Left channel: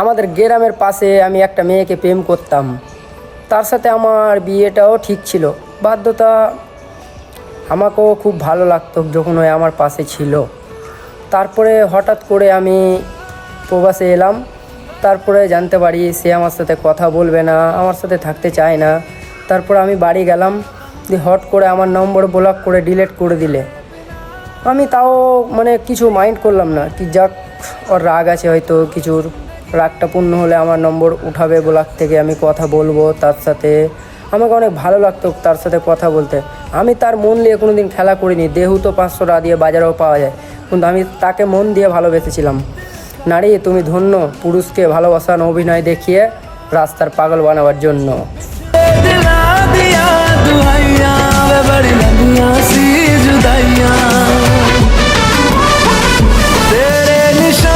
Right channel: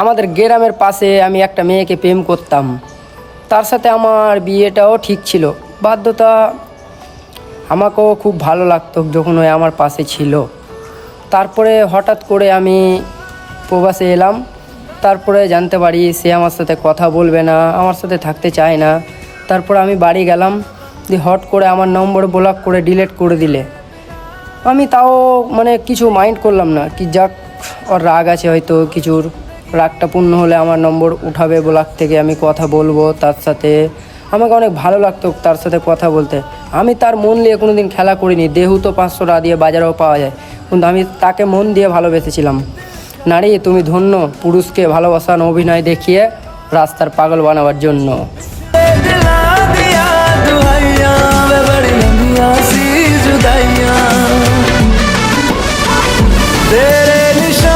আমাদের গ্রামের পাশে আমি একটা মেয়েকে প্রেম করতাম, তার সাথে আমার বিয়েটাও ঠিক ছিল। বাধ্যতা, আমাকেও খুব ভালো লাগতো যখন ওই আমার পাশে ছিল। তারপরে হঠাৎ করে আমি প্রবাসে এলাম। তারপরে জানতে পারি সে আমার সাথে কথা বলবে না, আমার সাথে থাকতে চায় না। তারপর আমি বাড়ি গেলাম, দিয়ে হট করে আমার নম্বর ব্লক করে ডিলিট করে দিলে। আমি তাও মানে কিছু মাইন্ড করলাম না, কি যাক ওর রাগ আছে, হয়তো কিছুর রাগটা পূর্ণ হলে আমার নম্বর উঠাবে ব্লক থেকে, আমি কথা বলবো তার সাথে। আমাকে অনেক ভালো লাগতো তার সাথে কথা বলতে। আমি তার মন নিয়ে কোনো দিন খেলা করিনি। দেহু তো 500 টাকা দিয়ে বাজারেও পাওয়া যায়, কিন্তু আমি তাকে মন দিয়ে ভালোবেসেছিলাম। নারী তুমি ধন্য, পুরুষকে ভালোবাসার অভিনয় দেখিয়ে রাস্তার পাগল বানাবার জন্য। दिला दिया दुहाइया वे बड़ी लंबिया सी जुदाइयां तेरे निशान